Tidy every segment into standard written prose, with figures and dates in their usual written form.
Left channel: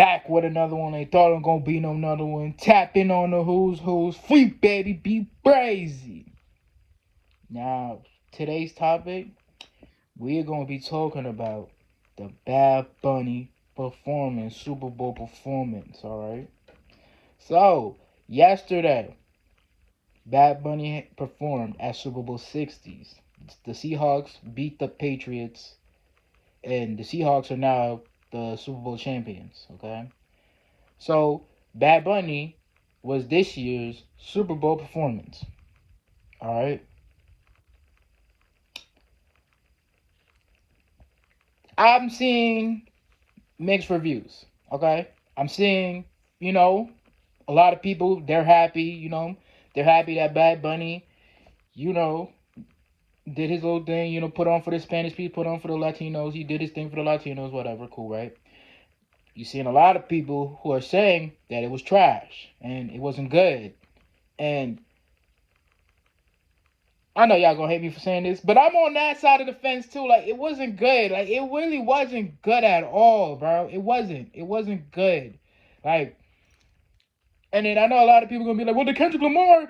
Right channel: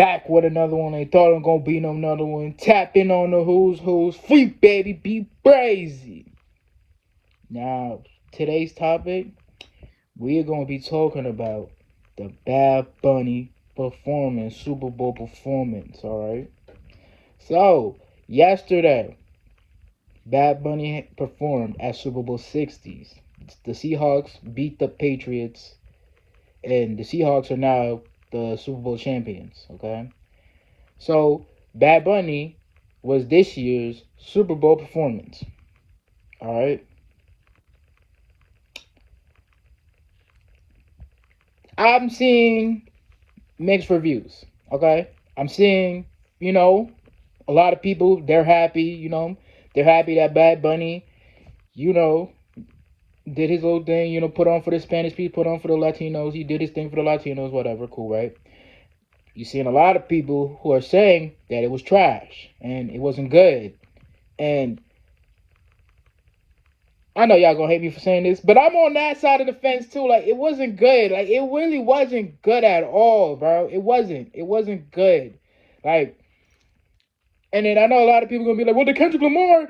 back with another one. They thought I'm gonna be another one. Tapping on the who's free, baby, be crazy. Now, today's topic, we are gonna be talking about the Bad Bunny performance, Super Bowl performance. All right. So yesterday, Bad Bunny performed at Super Bowl 60s. The Seahawks beat the Patriots, and the Seahawks are now the Super Bowl champions. Okay. So Bad Bunny was this year's Super Bowl performance. All right. I'm seeing mixed reviews. Okay. I'm seeing, a lot of people, they're happy, they're happy that Bad Bunny, you know, did his little thing, put on for the Spanish people, put on for the Latinos. He did his thing for the Latinos, whatever, cool, right? You're seeing a lot of people who are saying that it was trash and it wasn't good. And I know y'all gonna hate me for saying this, but I'm on that side of the fence too. Like, it wasn't good. Like, it really wasn't good at all, bro. It wasn't. It wasn't good. Like, and then I know a lot of people gonna be like, well, the Kendrick Lamar,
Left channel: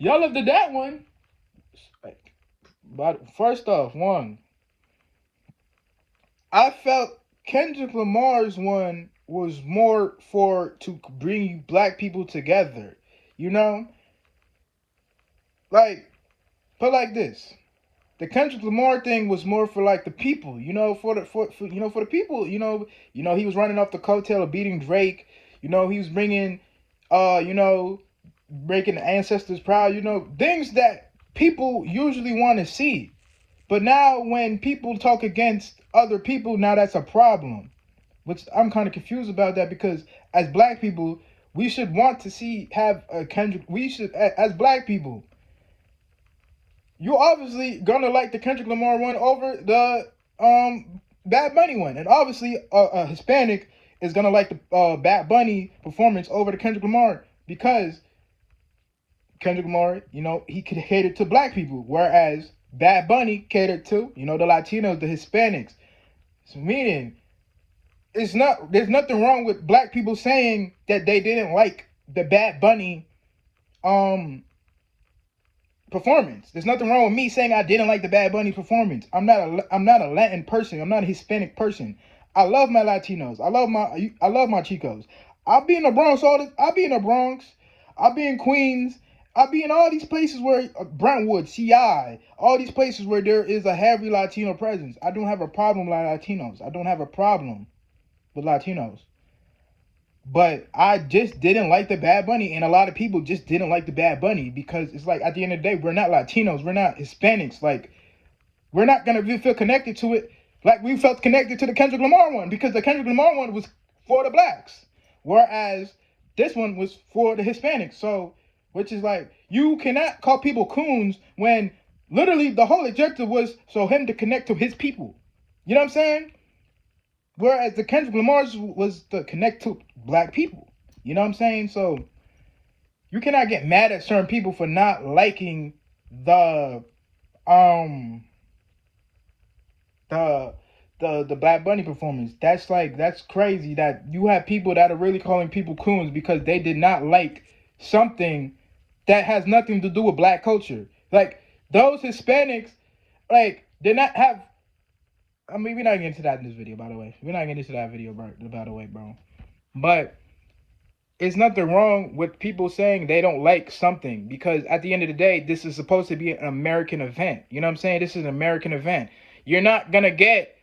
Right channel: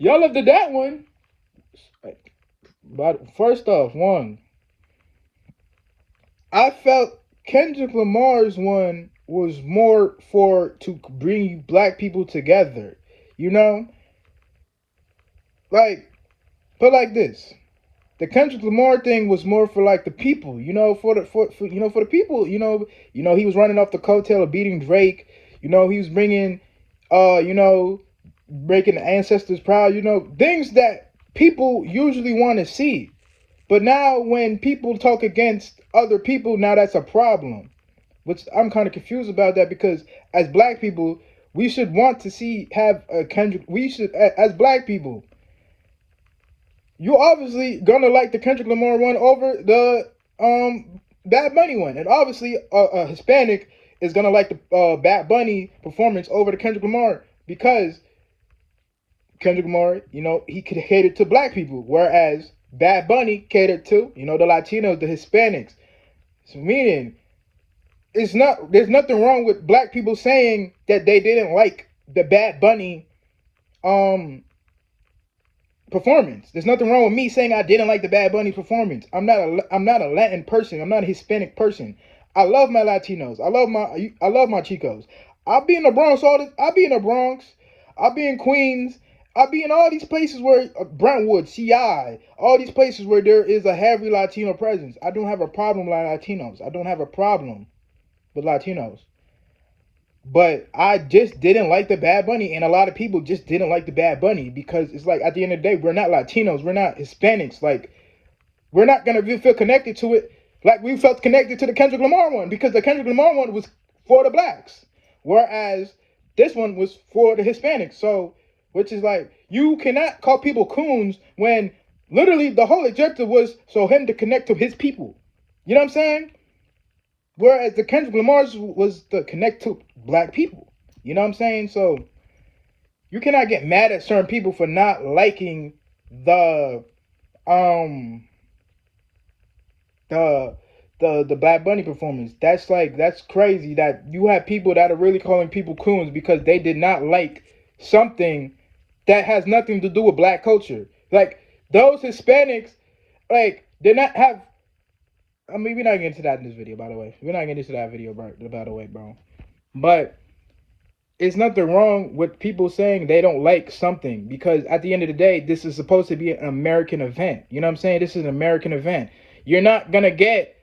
y'all loved that one. But first off, I felt Kendrick Lamar's one was more for to bring black people together. You know, like, but like this. The Kendrick Lamar thing was more for like the people, for the people, he was running off the coattail of beating Drake, he was bringing, making the ancestors proud, things that people usually want to see. But now when people talk against other people, now that's a problem, which I'm kind of confused about that because as black people, we should want to have a Kendrick. We should, as black people, you obviously gonna like the Kendrick Lamar one over the Bad Bunny one, and obviously a Hispanic is gonna like the Bad Bunny performance over the Kendrick Lamar because Kendrick Lamar, he could cater to black people, whereas Bad Bunny catered to the Latinos, the Hispanics. So meaning, there's nothing wrong with black people saying that they didn't like the Bad Bunny performance. There's nothing wrong with me saying I didn't like the Bad Bunny performance. I'm not a Latin person. I'm not a Hispanic person. I love my Latinos. I love my Chicos. I'll be in the Bronx I'll be in the Bronx. I'll be in Queens. I'll be in all these places where Brentwood, CI, all these places where there is a heavy Latino presence. I don't have a problem with Latinos. I don't have a problem with Latinos. But I just didn't like the Bad Bunny, and a lot of people just didn't like the Bad Bunny because it's like at the end of the day, we're not Latinos, we're not Hispanics. Like, we're not gonna feel connected to it like we felt connected to the Kendrick Lamar one because the Kendrick Lamar one was for the blacks, whereas this one was for the Hispanics. So, which is like, you cannot call people coons when literally the whole objective was so him to connect to his people. You know what I'm saying? Whereas the Kendrick Lamar's was to connect to black people. You know what I'm saying? So you cannot get mad at certain people for not liking the the Bad Bunny performance. That's crazy that you have people that are really calling people coons because they did not like something that has nothing to do with black culture. Like, those Hispanics, like, did not have. I mean, we're not getting into that in this video, by the way. We're not getting into that video, by the way, bro. But it's nothing wrong with people saying they don't like something because at the end of the day, this is supposed to be an American event. You know what I'm saying? This is an American event. You're not going to get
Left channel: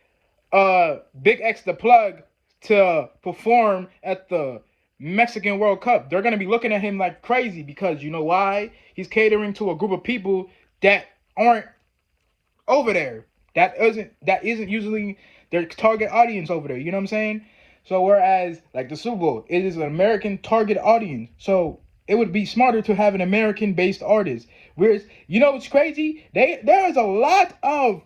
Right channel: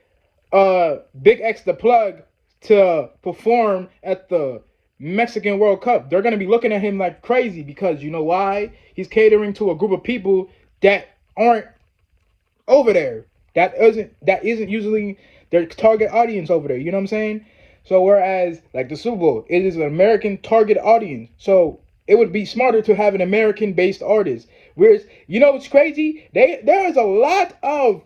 Big X the Plug to perform at the Mexican World Cup. They're going to be looking at him like crazy because you know why? He's catering to a group of people that aren't over there. That isn't usually their target audience over there. You know what I'm saying? So whereas like the Super Bowl, it is an American target audience. So it would be smarter to have an American-based artist. Whereas, what's crazy? There is a lot of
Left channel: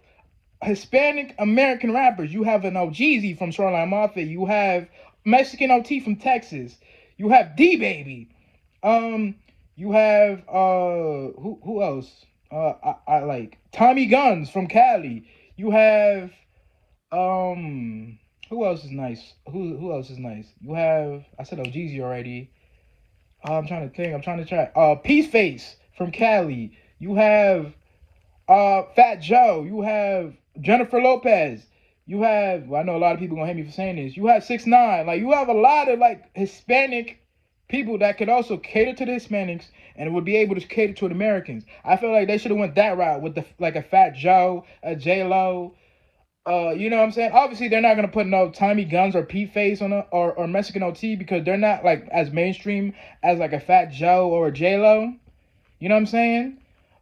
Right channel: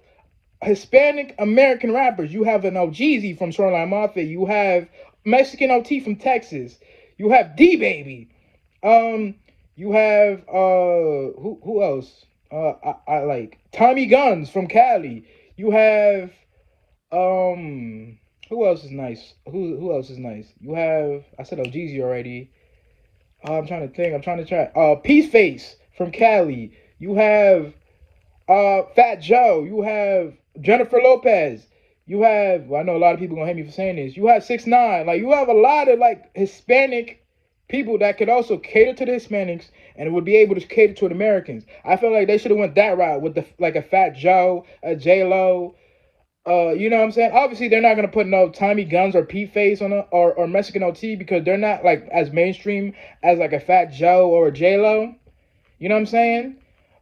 Hispanic American rappers. You have an OGZ from Shoreline Mafia. You have Mexican OT from Texas. You have D Baby. You have who else? I like Tommy Guns from Cali. You have Who else is nice? Who else is nice? You have I said Jeezy already. I'm trying to think. I'm trying to try. Peace Face from Cali. You have Fat Joe. You have Jennifer Lopez. You have well, I know a lot of people gonna hate me for saying this. You have 6ix9ine. Like you have a lot of like Hispanic people that could also cater to the Hispanics and would be able to cater to the Americans. I feel like they should have went that route with the like a Fat Joe, a J Lo. You know what I'm saying? Obviously, they're not gonna put no Tommy Guns or Pete Face on or Mexican OT because they're not like as mainstream as like a Fat Joe or a J Lo. You know what I'm saying?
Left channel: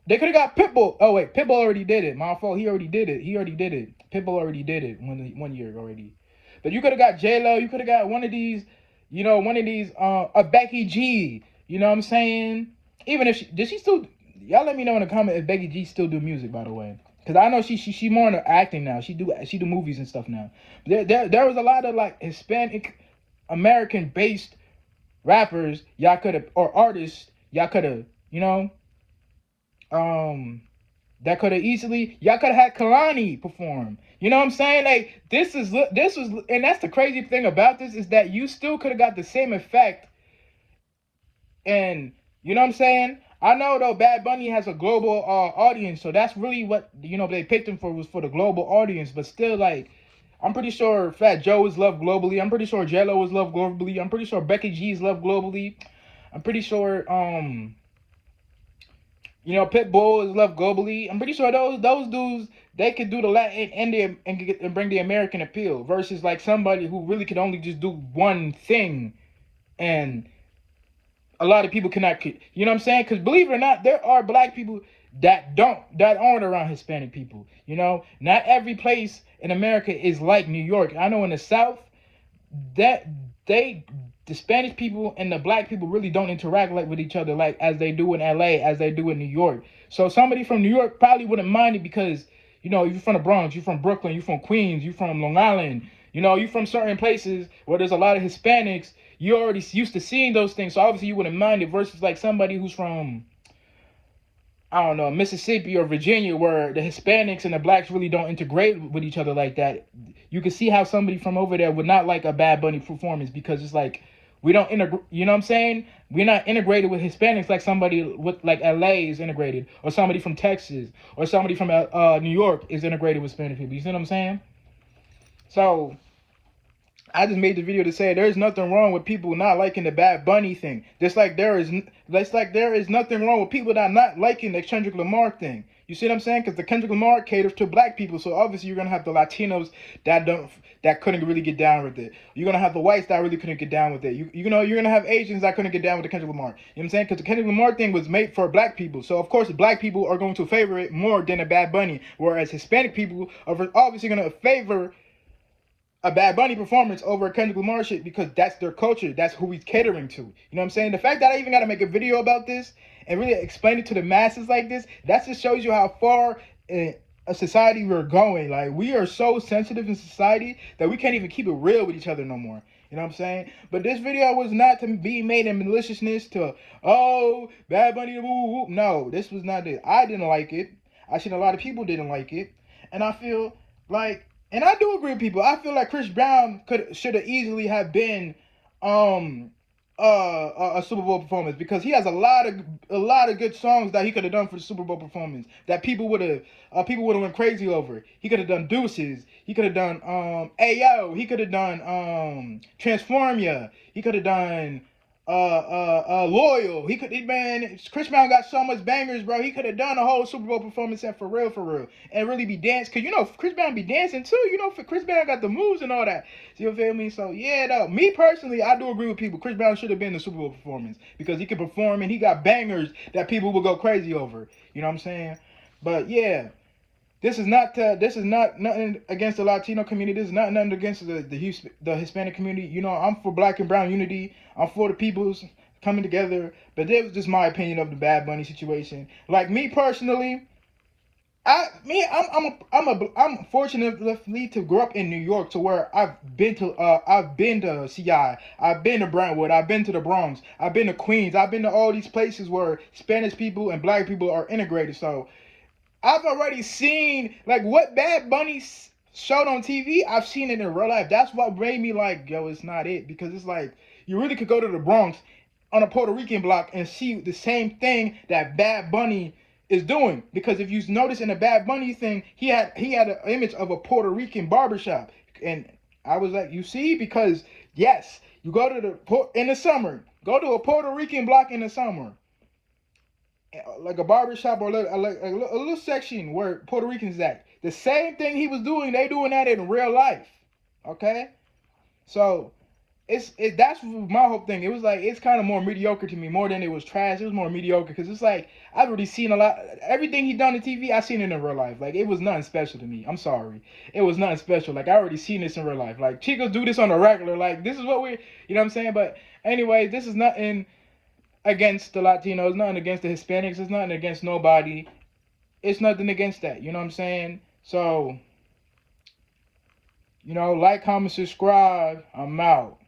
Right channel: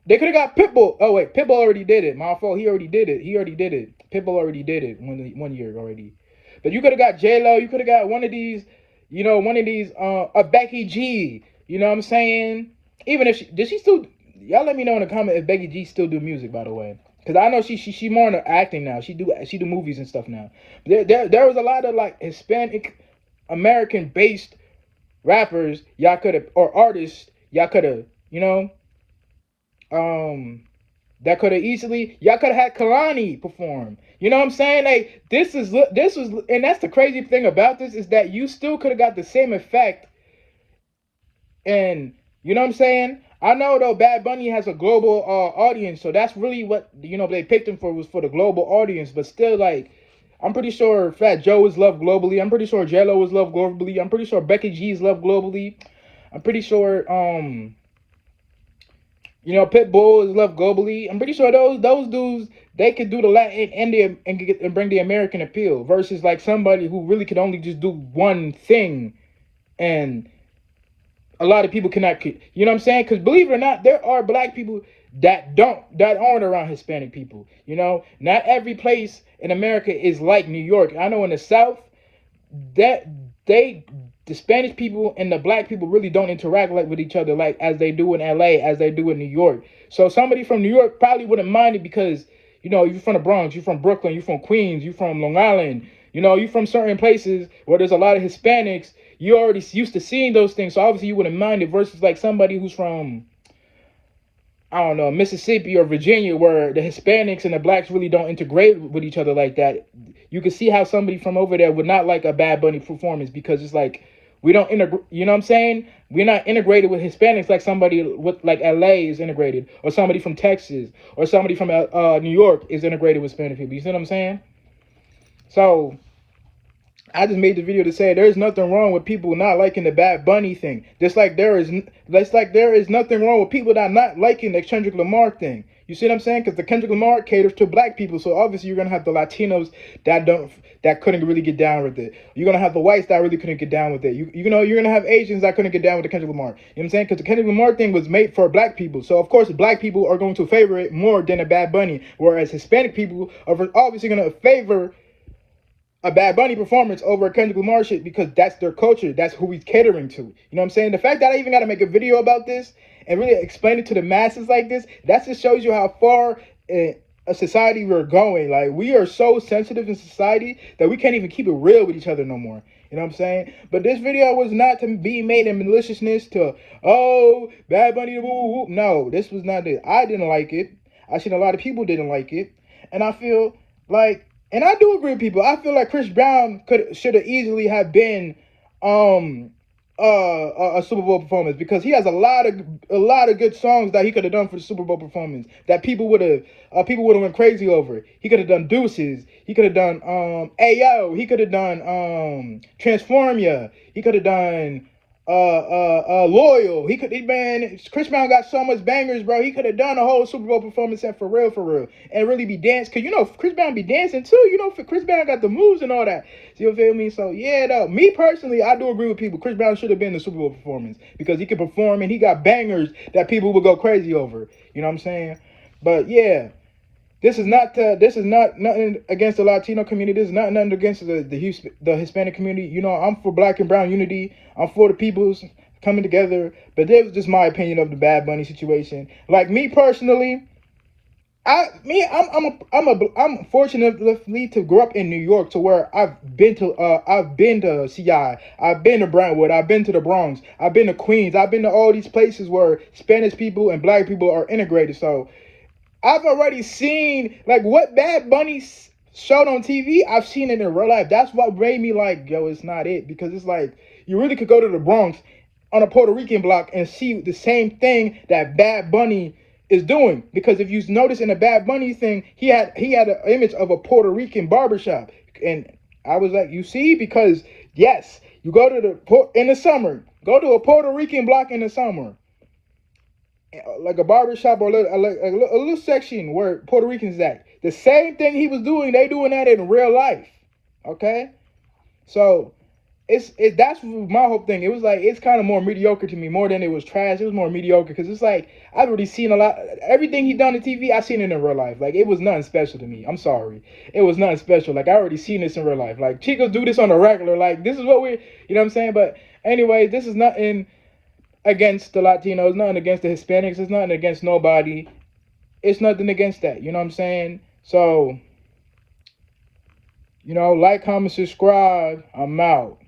They could have got Pitbull. Oh wait, Pitbull already did it. My fault. He already did it. He already did it. Pitbull already did it one year already. But you could have got J Lo. You could have got one of these. You know, one of these. A Becky G. You know what I'm saying? Even if does she still? Y'all let me know in the comment if Becky G still do music. By the way. Cause I know she more into acting now. She do movies and stuff now. There was a lot of like Hispanic American based rappers y'all could have or artists y'all could have that could have easily y'all could have had Kalani perform. You know what I'm saying? Like this was and that's the crazy thing about this is that you still could have got the same effect. And you know what I'm saying? I know though Bad Bunny has a global audience, so that's really what they picked him for was for the global audience. But still, like I'm pretty sure Fat Joe is loved globally. I'm pretty sure J Lo is loved globally. I'm pretty sure Becky G is loved globally. I'm pretty sure Pitbull is loved globally. I'm pretty sure those dudes they could do the Latin and bring the American appeal versus like somebody who really could only just do one thing and a lot of people cannot, you know what I'm saying? Because believe it or not, there are black people that aren't around Hispanic people. You know, not every place in America is like New York. I know in the South, that the Spanish people and the black people really don't interact like with each other like as they do in LA, as they do in New York. So somebody from New York probably wouldn't mind it because, you're from the Bronx, you're from Brooklyn, you're from Queens, you're from Long Island, you're from certain places where there's a lot of Hispanics. You're already used to seeing those things, so obviously you wouldn't mind it versus like somebody who's from, I don't know, Mississippi or Virginia where the Hispanics and the blacks really don't integrate with each other like that. You can see how somebody from over there would not like a Bad Bunny performance because it's like, we don't integrate, you know what I'm saying? We're not integrated with Hispanics like somebody with like LA is integrated or somebody from Texas or somebody from New York is integrated with Hispanic people. You see what I'm saying? So I just made the video to say there's nothing wrong with people not liking the Bad Bunny thing. Just like there is nothing wrong with people that not liking the Kendrick Lamar thing. You see what I'm saying? Because the Kendrick Lamar caters to black people, so obviously you're gonna have the Latinos that couldn't really get down with it. You're gonna have the whites that really couldn't get down with it. You're gonna have Asians that couldn't get down with the Kendrick Lamar. You know what I'm saying? Because the Kendrick Lamar thing was made for black people, so of course black people are going to favor it more than a Bad Bunny, whereas Hispanic people are obviously gonna favor a Bad Bunny performance over a Kendrick Lamar shit because that's their culture. That's who he's catering to. You know what I'm saying? The fact that I even got to make a video about this and really explain it to the masses like this, that just shows you how far in a society we're going. Like, we are so sensitive in society that we can't even keep it real with each other no more. You know what I'm saying? But this video was not to be made in maliciousness to, oh, Bad Bunny, woo, woo. No, this was not it. I didn't like it. I seen a lot of people didn't like it. And I feel like, and I do agree with people. I feel like Chris Brown should have easily have been a Super Bowl performance because he has a lot of good songs that he could have done for the Super Bowl performance that people would have went crazy over. He could have done Deuces. He could have done Ayo. He could have done Transform Ya. He could have done Loyal. Chris Brown got so much bangers, bro. He could have done a whole Super Bowl performance set for real, and really be dancing. Cause Chris Brown be dancing too. Chris Brown got the moves and all that. You feel me? So yeah, though. Me personally, I do agree with people. Chris Brown should have been the Super Bowl performance because he could perform and he got bangers that people would go crazy over. You know what I'm saying? But yeah. This is not nothing against the Latino community. This is not nothing against the Hispanic community. I'm for Black and Brown unity. I'm for the peoples coming together. But this was just my opinion of the Bad Bunny situation. Like me personally, I'm fortunate to grow up in New York to where I've been to CI, I've been to Brentwood, I've been to the Bronx, I've been to Queens, I've been to all these places where Spanish people and Black people are integrated. So I've already seen like what Bad Bunny showed on TV, I've seen it in real life. That's what made me like, yo, it's not it. Because it's like, you really could go to the Bronx on a Puerto Rican block and see the same thing that Bad Bunny is doing. Because if you notice in the Bad Bunny thing, he had an image of a Puerto Rican barbershop. And I was like, you see? Because, yes, you go to in the summer, go to a Puerto Rican block in the summer. Like a barbershop or a little section where Puerto Ricans at. The same thing he was doing, they doing that in real life. Okay? So that's my whole thing. It was like, it's kind of more mediocre to me, more than it was trash. It was more mediocre because it's like, I've already seen a lot. Everything he done on TV, I've seen it in real life. Like, it was nothing special to me. I'm sorry. It was nothing special. Like, I already seen this in real life. Like, Chicos do this on a regular. Like, this is what we're, you know what I'm saying? But anyway, this is nothing against the Latinos, nothing against the Hispanics, it's nothing against nobody. It's nothing against that, you know what I'm saying? So, like, comment, subscribe. I'm out.